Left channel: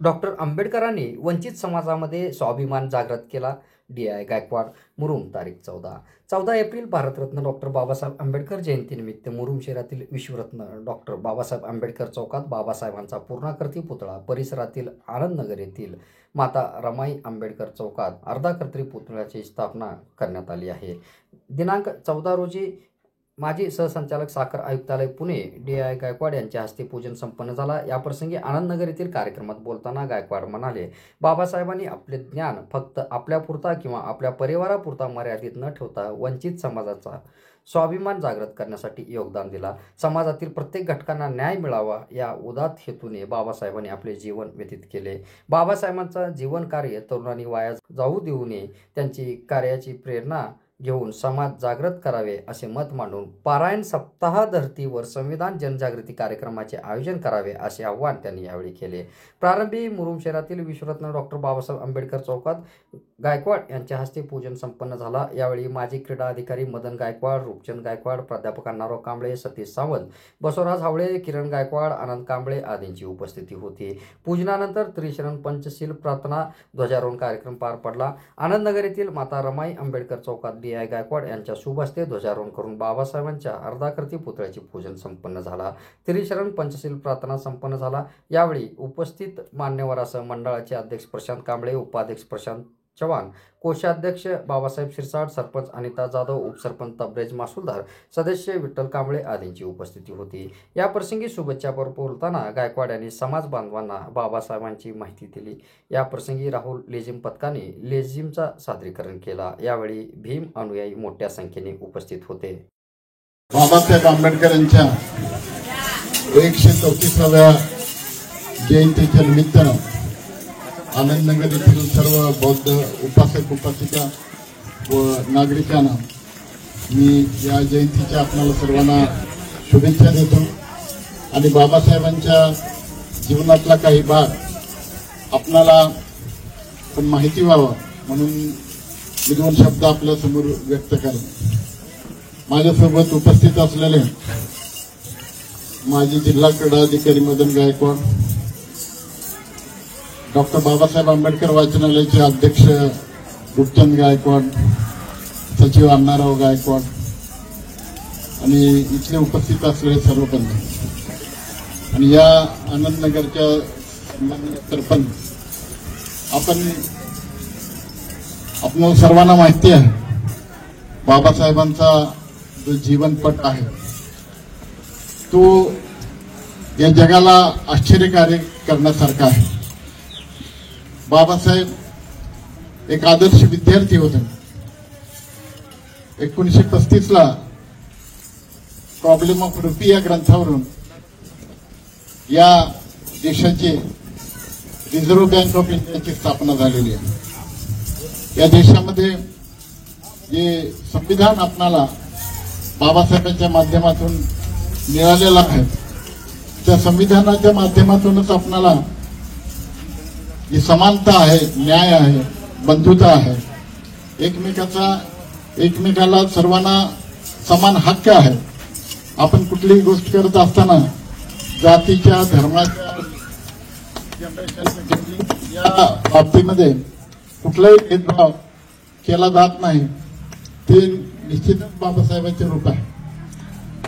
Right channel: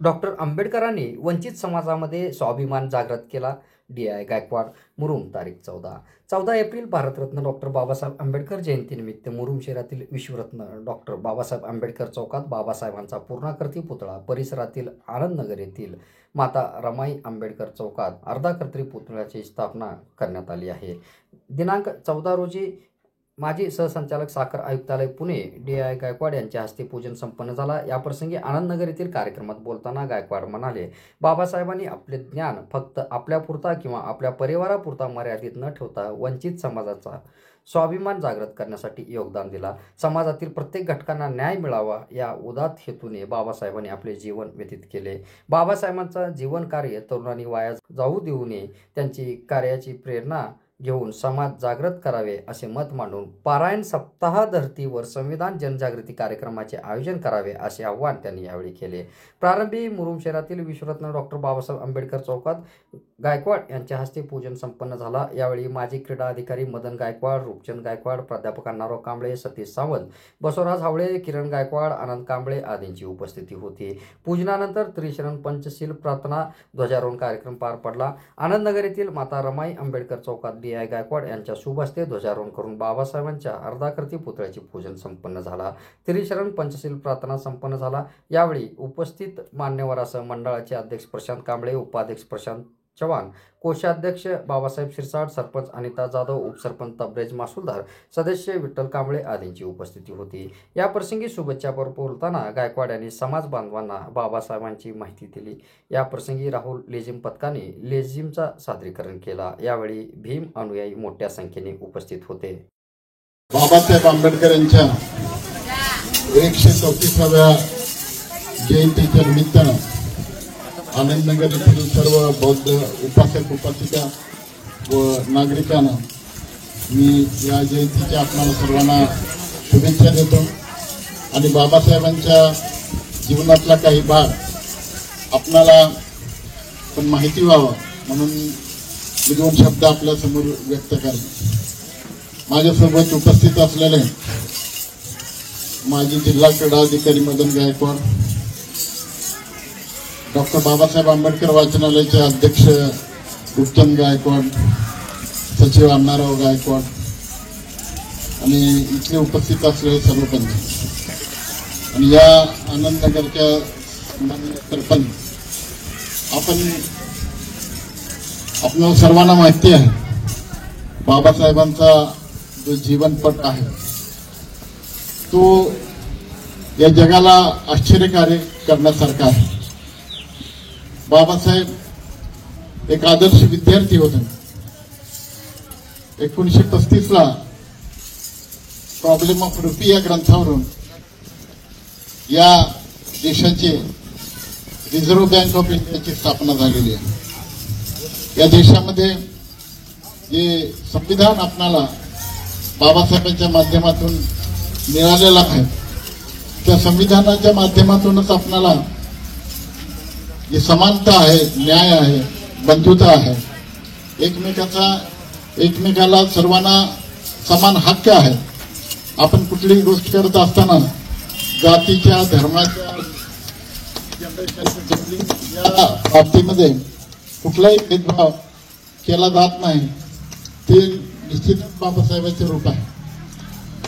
Doctor आंबेडकरांनी वंचित समाजामध्ये स्वाभिमान जागृत केला. डी.आय. गायकवाड, मुरुम. तारीख 14 एप्रिल भारतरत्न डॉक्टर बाबासाहेब आंबेडकर जयंतीनिमित्त मुरुम शहरातील विश्वरत्न डॉक्टर बाबासाहेब आंबेडकर चौकात बाबासाहेबांचा पूर्णाकृती पुतळा, परिसरातील आनंदनगर येथील माता रमाई आंबेडकर चौकात अर्धाकृती पुतळ्याची स्थापना करण्यात आली आहे. दिनांक 14 रोजी माजी सहसंचालक साखर आयुक्तालय पुणे डी.आय. गायकवाड यांच्या हस्ते पूजन संपन्न झाला. याप्रसंगी आनंदनगर येथील कार्यक्रमात बोलताना गायकवाड म्हणाले, बाबासाहेबांनी आपले ज्ञान फक्त आपल्यापुरता किंवा आपल्या परिवारापुरता मर्यादित न ठेवता वंचित समाजाचा स्वाभिमान जागृत करण्यासाठी योगदान दिला. समाजातील प्रत्येक घटकांना न्याय मिळावा या उदात्त हेतूने बाबासाहेबांनी आपले जीवन व्यतीत केले. बाबासाहेबांचा जीवन कार्य तरुणांनी वाया जाऊ देऊ नये, त्यांची कार्याची प्रेरणा घेऊन समाज जागृत करावे असे मत मांडून पारायण सप्ताह धर्तीवर संविधान जनजागृती कार्यक्रमाचे आयोजन करावे असे आवाहन त्यांनी यावेळी केले. प्रारंभी मुरुम शहरातील विश्वरत्न डॉक्टर बाबासाहेब आंबेडकर चौकात गायकवाड यांच्या हस्ते पूजन संपन्न झाला. यावेळी माजी क्रीडा अधिकारी मदन गायकवाड, रूपचंद गायकवाड, प्राध्यापक अण्णाराव कांबळे, सतीश सावंत, बसवराज हावळे, किरण गायकवाड, आनंद कांबळे आदींची उपस्थिती होती. पूजनानंतर त्रिशरण पंचशील प्रार्थना ध्वजारोहण कार्यक्रम पार पडला. आनंदनगर येथील माता रमाई आंबेडकर चौकात डी.आय. गायकवाड यांच्या शुभ हस्ते ध्वजारोहण करून बाबासाहेबांच्या अर्धाकृती पुतळ्याचे पूजन संपन्न झाला. त्रिशरण पंचशील प्रार्थना संपन्न झाला. यावेळी उपस्थित मान्यवरांसह मंडळाचे अध्यक्ष प्रशांत कांबळे, उपाध्यक्ष प्रशांत चव्हाण, कोषाध्यक्ष बाबासाहेब शिरसाट, सरपंच अनिता जाधव, उपसरपंच तबरेज मासुलदार, सदस्य विठ्ठल कांबळे आदींची उपस्थिती होती. या प्रसंगी शुभेच्छापर बोलताना गायकवाड यांनी समाज बांधवांना बाबासाहेबांची माहिती दिली. या प्रसंगी राहुल लेझिम पथकाने लेझिमचा सादरीकरण केला. यावेळी भीम अनुयायी मोठ्या संख्येने उपस्थित होते. बाबासाहेब आंबेडकर यांच्या 134व्या जयंतीच्या निमित्तानं आनंदनगर येथील सर्व बौद्ध उपासक उपासिका व नागरिकांना मी या जयंतीच्या आपणाला सर्वांना शुभेच्छा देतो आणि बाबासाहेबांच्या जीवनातला काही भाग आपणाला पण माहिती व्हावं म्हणून मी 2 शब्द आपल्या समोर व्यक्त करेन. माझ्यासोबत उपस्थित असलेले माजी जिल्हा क्रीडा अधिकारी मदन गायकवाड, डॉक्टर बाबासाहेब आंबेडकर वाचनालयाचे अध्यक्ष रूपचंद गायकवाड, सचिव अण्णाराव गायकवाड आणि इथले उपस्थित असलेले सर्व पंच आणि या आनंदनगरच्या सरपंच, आपल्याला सर्वांना माहिती आहे बाबासाहेबांचा जो जीवनपट आहे तो या जगाला आश्चर्यकारक करण्यासारखा आहे. बाबासाहेब एक आदर्श विद्यार्थी होते. 1935ला प्रॉब्लेम ऑफ रुपी या ग्रंथावरून या देशाची रिझर्व्ह बँक ऑफ इंडियाची स्थापना झालेली आहे. या देशामध्ये जे संविधान आपणाला बाबासाहेबांच्या माध्यमातून मिळालेलं आहे त्या संविधानाच्या माध्यमातूनच आपणाला जी समानता आहे, न्याय आहे, बंधुता आहे, एकमेकाला सर्वांना समान हक्क आहे. आपण कुठलीही गोष्ट करत असताना जातीच्या, धर्माच्या, या बाबतीमध्ये कुठलाही भेदभाव केला जात नाही. ते निश्चितच बाबासाहेबांचे रूप आहे.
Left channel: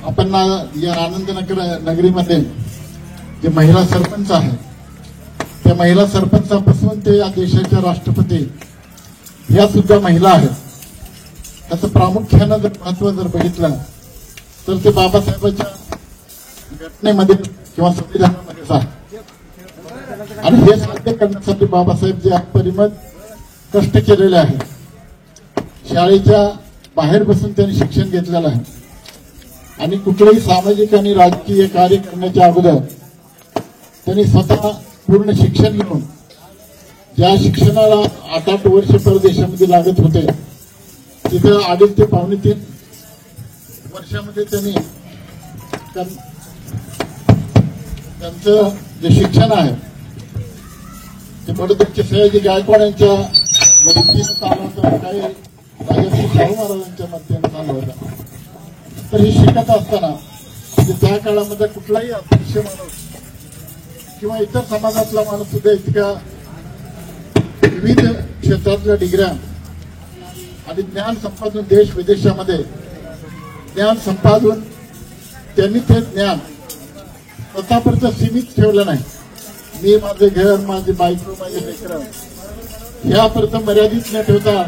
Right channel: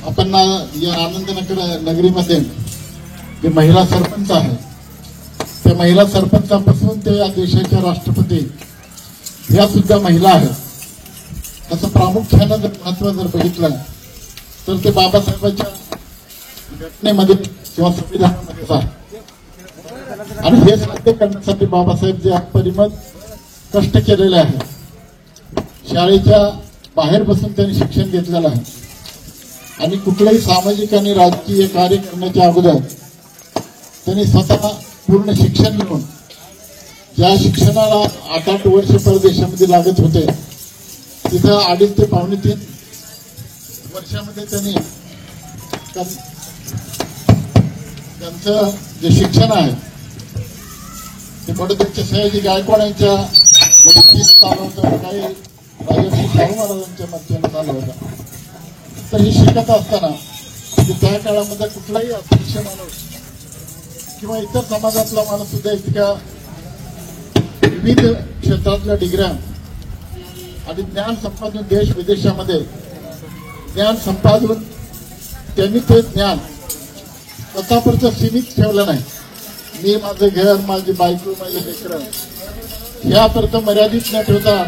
आपण या आनंदनगर नगरीमध्ये जे महिला सरपंच आहे त्या महिला सरपंचापासून ते या देशाच्या राष्ट्रपती या सुद्धा महिला आहेत. त्याचं प्रामुख्यानं जर महत्व जर बघितलं तर ते बाबासाहेबांच्या घटनेमध्ये किंवा संविधानामध्येच आहे. आणि हे साध्य करण्यासाठी बाबासाहेब जे अपरिमित कष्ट केलेले आहे. शाळेच्या बाहेर बसून त्यांनी शिक्षण घेतलेलं आहे आणि कुठलंही सामाजिक आणि राजकीय कार्य करण्याच्या अगोदर त्यांनी स्वतः पूर्ण शिक्षण घेऊन ज्या शिक्षणाला 8-8 वर्ष परदेशामध्ये लागत होते तिथं 2.5 ते 3.5 वर्षामध्ये त्यांनी त्यांचं जे शिक्षण आहे ते बडोद्याचे सयाजी गायकवाड यांच्या मदतीने चालू होतं, काही राजर्षी शाहू महाराजांच्या मदतीने चालू होतं. तर हे शिकत असताना त्या काळामध्ये कुठलाही अतिशय माणूस किंवा इतर समाजातला माणूस सुद्धा इतक्या विविध क्षेत्रातल्या डिग्र्या आणि ज्ञान संपादन देश विदेशामध्ये ज्ञान संपादून त्यांनी ते ज्ञान स्वतःपुरतं सीमित ठेवलं नाही. मी माझे घर, माझी बायको, माझे लेकरं ह्यापर्यंत मर्यादित न ठेवता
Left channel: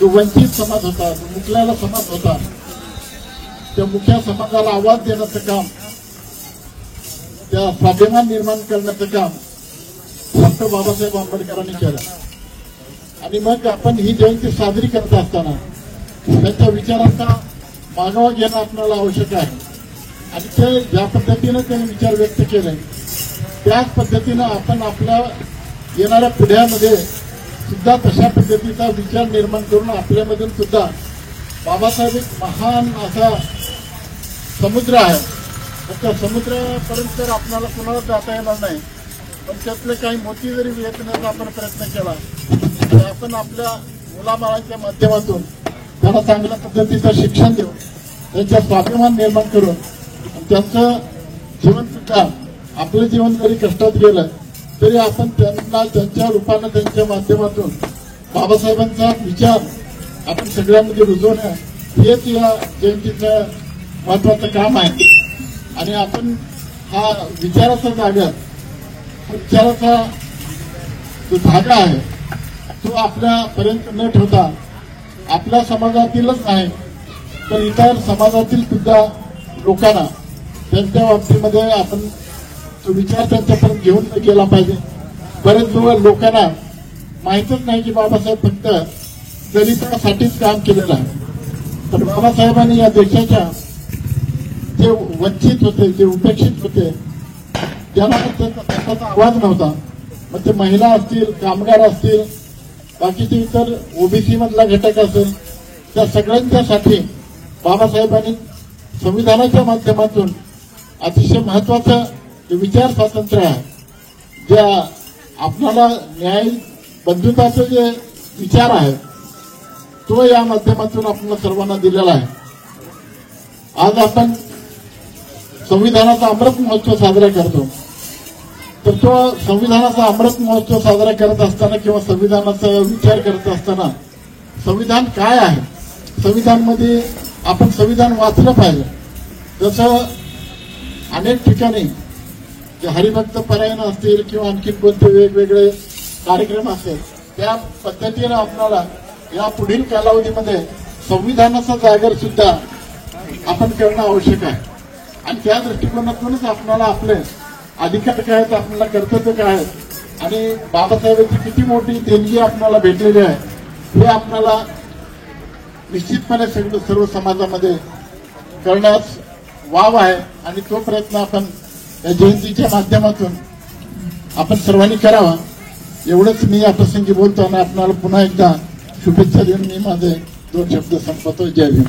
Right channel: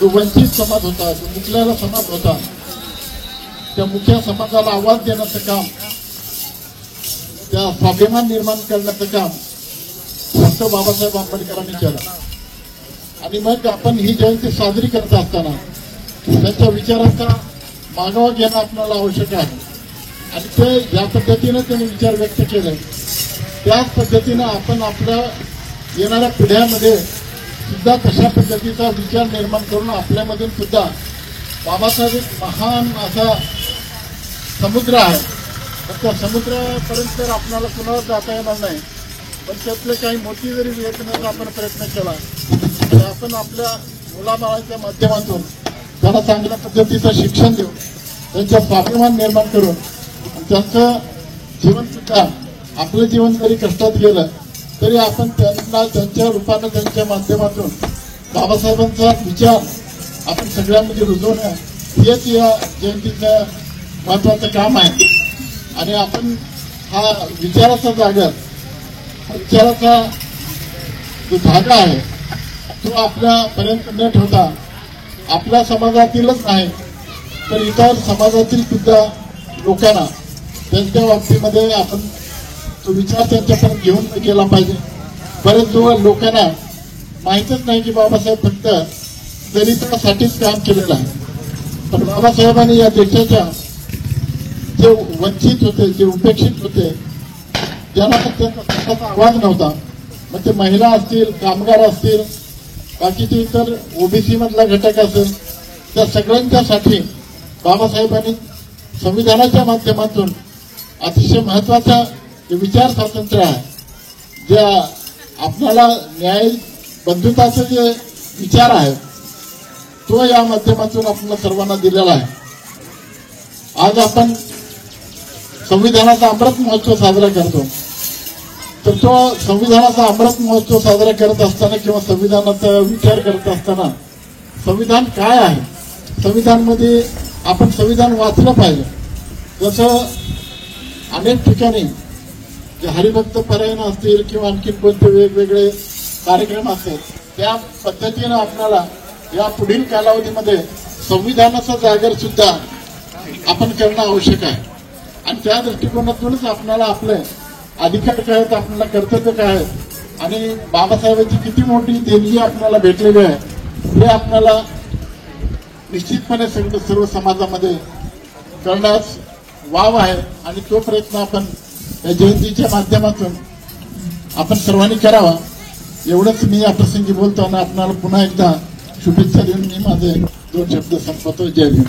जो वंचित समाज होता, जो मुकलेला समाज होता, त्या मुख्य समाजाला आवाज देण्याचं काम, त्या स्वाभिमान निर्माण करण्याचं काम डॉक्टर बाबासाहेब आंबेडकरांनी केलं. आणि मग आपण ही जयंती साजरी करत असताना त्यांच्या विचारांचा मागोवा घेणं आपल्याला आवश्यक आहे. आणि ते ज्या पद्धतीनं त्यांनी विचार व्यक्त केले त्याच पद्धतीनं आपण आपल्या येणाऱ्या पिढ्यामध्ये सुद्धा तशा पद्धतीचा विचार निर्माण करून आपल्यामधून सुद्धा बाबासाहेब एक महान असा समुद्र आहे, तर त्या समुद्रापर्यंत तर आपल्याला कुणाला जाता येणार नाही, पण त्यातले काही मोती जरी वेचण्याचा आपण प्रयत्न केला तर आपण आपल्या मुलाबाळांच्या माध्यमातून त्यांना चांगल्या पद्धतीचं शिक्षण देऊन त्यांच्या स्वाभिमान निर्माण करून त्यांचं जीवन सुद्धा आपलं जीवन जरी कष्टात गेलं तरी आपण त्यांना त्यांच्या रूपानं त्यांच्या माध्यमातून बाबासाहेबांचा विचार आपण सगळ्यांमध्ये रुजवणं हेच या जयंतीचं महत्वाचं काम आहे. आणि आपण हा विचाराचा जागा, विचाराचा जो धागा आहे तो आपल्यापर्यंत न ठेवता आपल्या समाजातीलच नाही तर इतर समाजातील सुद्धा लोकांना त्यांच्या बाबतीमध्ये आपण तो विचार त्यांच्यापर्यंत घेऊन गेला पाहिजे. बरेच लोकांना माहीतच नाही की बाबासाहेब फक्त दलितांसाठीच काम केलेलं आहे, पण बाबासाहेबांनी या देशाच्या जे वंचित होते, जे उपेक्षित होते, ज्यांना त्यांचा स्वतःचा आवाज नव्हता, मग ते महिला असतील, कामगार असतील, बाकीचे इतर ओबीसी मधला घटक असेल, त्या सगळ्यांच्यासाठी बाबासाहेबांनी संविधानाच्या माध्यमातून अतिशय महत्वाचं जे विचार स्वातंत्र्य आहे, ज्या आपल्याला न्याय बंधुताचे जे विचार आहे तो या माध्यमातून आपल्याला सर्वांना दिलेला आहे. आज आपण संविधानाचा अमृत महोत्सव साजरा करतो, तर तो संविधानाचा अमृत महोत्सव साजरा करत असताना किंवा संविधानाचा विचार करत असताना संविधान काय आहे, संविधानमध्ये आपण संविधान वाचलं पाहिजे. जसं अनेक ठिकाणी हरिभक्त परायण असतील किंवा आणखी कोणते वेगवेगळे कार्यक्रम असतील त्या पद्धतीनं आपल्याला या पुढील कालावधीमध्ये संविधानाचा जागर सुद्धा आपण करणं आवश्यक आहे. आणि त्या दृष्टिकोनातूनच आपल्याला आपले अधिकार काय आहेत, आपल्याला कर्तव्य काय आहेत आणि बाबासाहेबांची किती मोठी देणगी आपल्याला भेटलेली आहे हे आपल्याला निश्चितपणे सर्व समाजामध्ये करण्यास वाव आहे. आणि तो प्रयत्न आपण या जयंतीच्या माध्यमातून आपण सर्वांनी करावा एवढंच मी या प्रसंगी बोलतो आणि आपल्याला पुन्हा एकदा शुभेच्छा देऊन मी माझे 2 शब्द संपवतो. जय भीम.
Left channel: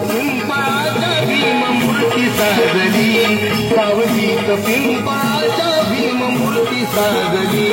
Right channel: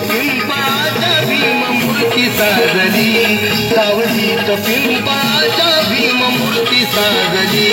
पिंपळाच्या भीममूर्ती साजली, सावलीत पिंपळाच्या भीममूर्ती साजली.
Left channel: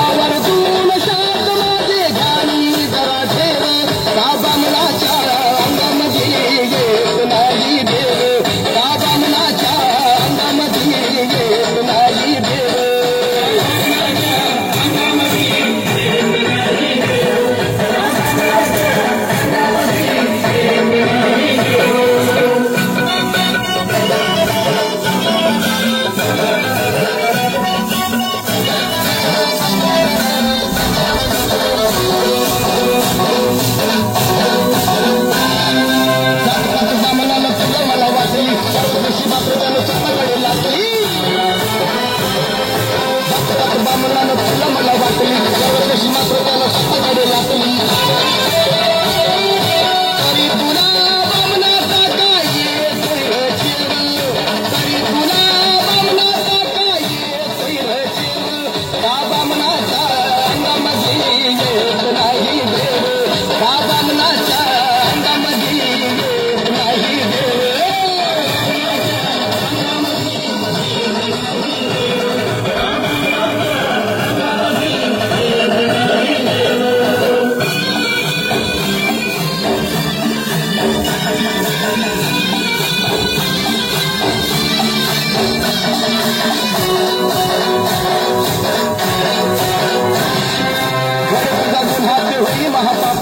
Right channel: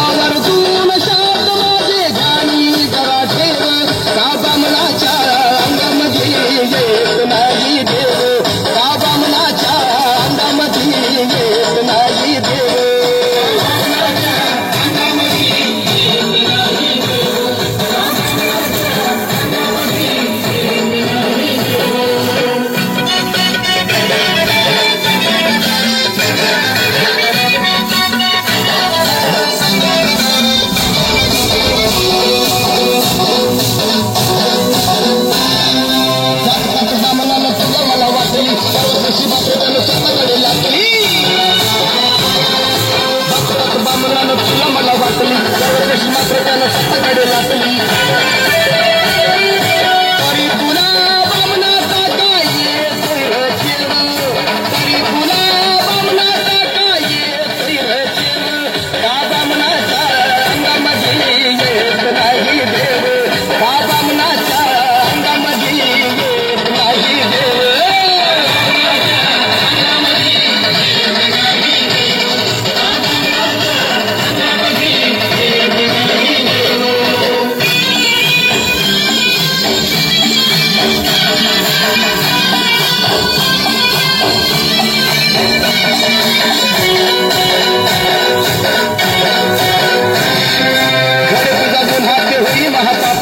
आवर्जून शाद माझे जाणी जरा भीम हातात